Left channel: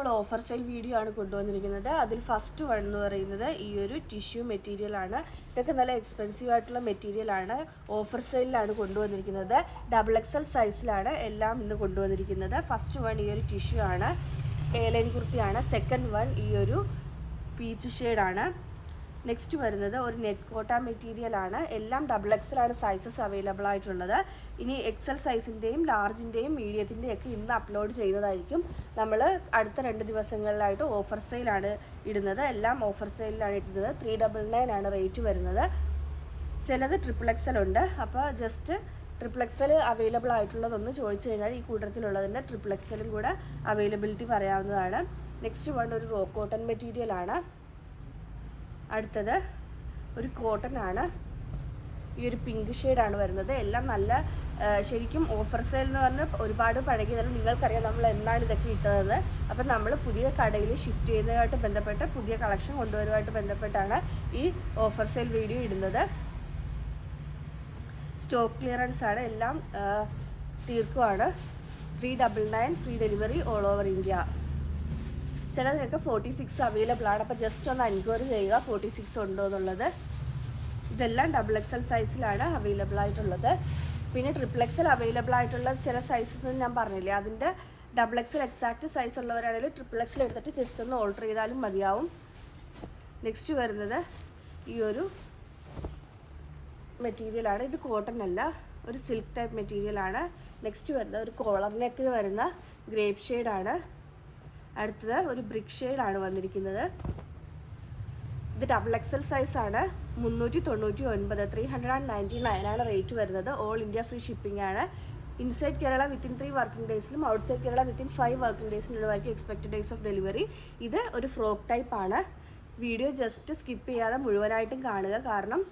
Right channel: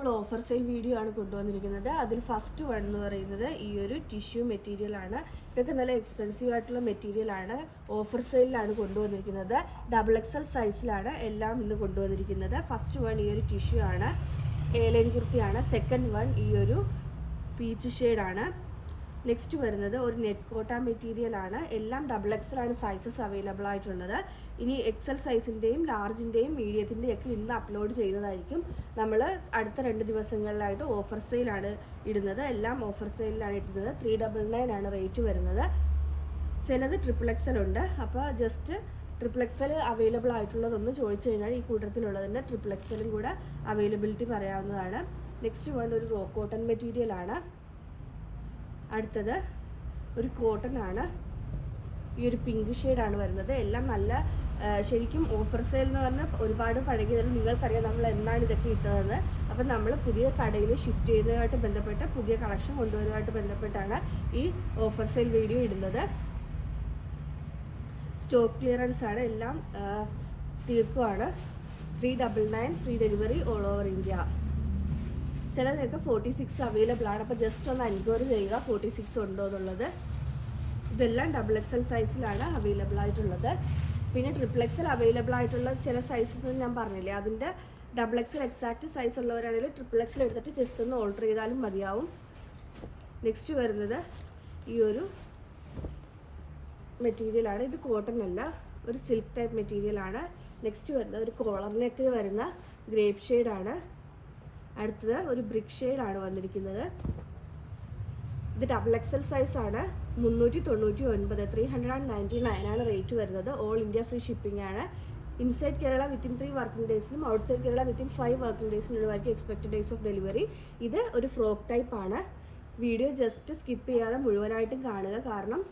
നമ്മൾ offer sale video ആണ് കൊണ്ടുവന്നിരിക്കുന്നത്. അതിൽ ഫസ്റ്റ് വൺ എന്ന് പറയുന്നത് ഈ ഒരു ടിഷ്യൂ മെറ്റീരിയൽ ആണ്. ഇതൊക്കെ നല്ല എക്സ്പെൻസീവ് ആയിട്ടുള്ള മെറ്റീരിയൽ ആണ്. ഓഫർ സെയിലാണ് കൊണ്ടുവന്നിരിക്കുന്നത്. XXL സൈസിലാണ് എല്ലാം ഇന്ന് കൊണ്ടുവന്നിരിക്കുന്നത്. ഫസ്റ്റ് വൺ ഈ ഒരു ടിഷ്യൂ ആണ്, എയർലൈൻ കുർത്തിയാണ്. സെക്കൻഡ് വൺ ഈ ഒരു പീച്ച് ഷെയ്ഡാണ്. നെക്സ്റ്റ് വരുന്നത് ഒരു നെറ്റ് കോട്ട മെറ്റീരിയൽ ആണ്. എല്ലാം XXL ആണ് സൈസസ് അവൈലബിൾ ആയിട്ടുള്ളത്. ഇനി XL സൈസിൻ്റെയും ലാർജിൻ്റെയും മീഡിയത്തിൻ്റെയും ഒക്കെ ഇന്ന് അപ്ലോഡ് ചെയ്യുന്നതായിരിക്കും. നമ്മൾ അടുത്ത 2 ദിവസങ്ങളിലായിട്ട് ഓഫർ സെയിലാണ് ഇടുന്നത്. എല്ലാം ഓഫർ സെയിലാണ് ഇടുന്നത്. 399 ആണ് റേറ്റ് വരുന്നത്. ചിലത് XXL ഉണ്ട്. അപ്പോൾ ജസ്റ്റ് XXL അവൈലബിൾ ആയിട്ടുള്ളതൊന്ന് ചോദിച്ചു കഴിഞ്ഞാൽ ഈ കൂട്ടത്തിലുള്ളതിൻ്റെ XXL കൂടെ അവൈലബിലിറ്റി പറയാവുന്നതാണ്. നെക്സ്റ്റ് വൺ ഒരു റോ കോട്ടൺ മെറ്റീരിയൽ ആണ്. അടുത്തത് ഒരു കോട്ടൺ ആണ്. ഈ ഒരു പിങ്ക് ഷെയ്ഡാണ് വരുന്നത്. എല്ലാം നല്ല ശരിക്കും ഓഫർ സെയിൽ എന്ന് പറഞ്ഞാൽ ഒരുപാട് പഴകിയത് നിങ്ങൾക്കറിയാം നമ്മൾ എന്നാണ് ഇതൊക്കെ ഇട്ടതെന്ന്. അപ്പം നമ്മൾ പുതിയ കടയിൽ ഷിഫ്റ്റ് ചെയ്യുന്നതുമായിട്ട് ബന്ധപ്പെട്ട് പുതിയ കളക്ഷൻ കൊണ്ടുവരുമായിട്ട് ബന്ധപ്പെട്ടാണ് ഈ ഓഫർ സെയിൽ വീഡിയോ ഇടുന്നത്. സ്റ്റോക്ക് ക്ലിയറൻസ് ആണ്. എല്ലാം തീർക്കുവാണ്. 399 free delivery all over India. ചിലതിനൊക്കെ 46 അവൈലബിൾ ആണ്. അപ്പോൾ ജസ്റ്റ് ഒന്ന് എൻക്വയറി ചെയ്യുക 46 ഉണ്ടോ എന്നുള്ളത്. ഇതെല്ലാം XXL സൈസിലാണ് അവൈലബിൾ ആയിട്ടുള്ളത്. പിന്നെ XXL അവൈലബിൾ ആയിട്ടുള്ള ചില സൈസസ് ഞാൻ പറഞ്ഞില്ലേ, അതിൻ്റെ XXL എക്സാക്റ്റ് സൈസ് ഉള്ളവരാണെങ്കിൽ XXL എടുത്തിട്ട് ജസ്റ്റ് ഒന്ന് ഓൾട്ടർ ചെയ്താലും മതിയാവും. നെക്സ്റ്റ് വരുന്നത് ഈ ഒരു മെറ്റീരിയലാണ്. ഇത് കോട്ടൺ അല്ല, ഒരു സിൽക്ക് ടൈപ്പ് മെറ്റീരിയലാണ്. നെക്സ്റ്റ് വരുന്നത് ഒരു കോളർ നെക്കിൽ വരുന്ന ഗ്രേപ്പ് ഷെയ്ഡാണ്. അടുത്തത് ഒരു ബ്രിക്ക് ഷെയ്ഡാണ് വന്നിരിക്കുന്നത്. ഇത് XXL സൈസാണ്. 399 399 ആണ് റേറ്റ് വരുന്നത്. ഓൾ ഇന്ത്യ ഫ്രീ ഷിപ്പിംഗ് ആണ്. ഇൻസൈഡ് കേരള വിത്തിൻ 3 വർക്കിംഗ് ഡേയ്സിലും ഔട്ട്സൈഡ് കേരള വിത്തിൻ 5 വർക്കിംഗ് ഡേയ്സിനുള്ളവർക്ക് എക്സ്പെക്റ്റഡ് ഡേയ്സ് ഓഫ് ഡെലിവറി. ഇത് ഒരു ഫ്രോക്ക് ടൈപ്പ് ആണ്. വീഡിയോ ജസ്റ്റ് സ്കിപ്പ് ചെയ്യാതെ മുഴുവനായിട്ടും കാണുക, കാരണം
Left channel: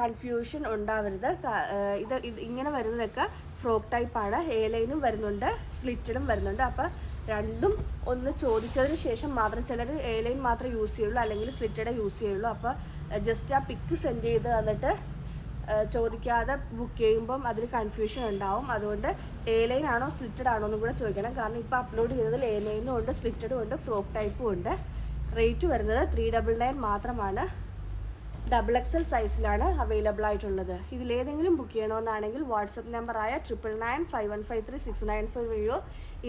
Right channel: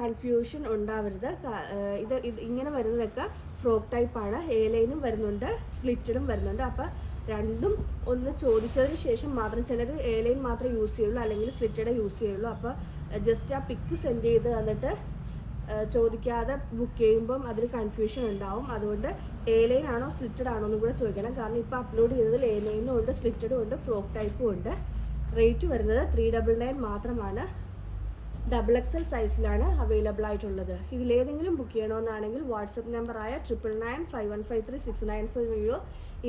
കൺഫ്യൂഷൻ ഉണ്ടാവരുത്. ഇത് ഇങ്ങനെ വരുന്നതൊക്കെ ഫ്രോക്ക് ടൈപ്പാണ്. എയർലൈനും വരുന്നുണ്ട്, സ്ലിറ്റഡും വരുന്നുണ്ട്. അപ്പോൾ രണ്ടും ഒന്ന് ചോദിച്ചതിന് ശേഷം മാത്രം, ചിലർ എയർലൈൻ മാത്രമേ യൂസ് ചെയ്യുള്ളൂ അല്ലെങ്കിൽ സ്ലിറ്റഡ് യൂസ് ചെയ്യുള്ളൂ. അപ്പോൾ ജസ്റ്റ് ആ പിക്ക് സെൻഡ് ചെയ്ത് തന്നിട്ട് ചോദിക്കാതെ ബുക്ക് ചെയ്യുമ്പം അതിൽ കൺഫ്യൂഷൻ ഉണ്ടാവും. അതുകൊണ്ട് എയർലൈൻ ആണോ സ്ലിറ്റഡ് ആണോ എന്നും കൂടെ ചോദിക്കണം. കാരണം ഇപ്പോൾ അപ്ലോഡ് ചെയ്തതിൽ എയർലൈനും ഉണ്ട്, സ്ലിറ്റഡും ഉണ്ട്, ഫ്രോക്ക് ടൈപ്പും ഉണ്ട്. റേറ്റ് വരുന്നത് 399 മാത്രമാണ്. XXL സൈസിലാണ് അവൈലബിൾ ആയിട്ടുള്ളത്. ഇതിലേതെങ്കിലും ബുക്ക് ചെയ്യണമെന്നാണെങ്കിൽ വാട്സപ്പ് നമ്പറായ 9995153694 വഴിയോ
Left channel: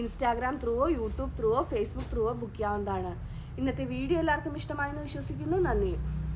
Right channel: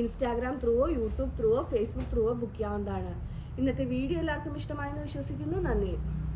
ഇൻസ്റ്റാഗ്രാം ത്രൂവോ യൂട്യൂബ് ത്രൂവോ ഫേസ്ബുക്ക് ത്രൂവോ ബുക്ക് ചെയ്യാവുന്നതാണ്. ഇന്നത്തെ വീഡിയോ എല്ലാവർക്കും ഇഷ്ടമായെന്ന് വിശ്വസിക്കുന്നു. നന്ദി.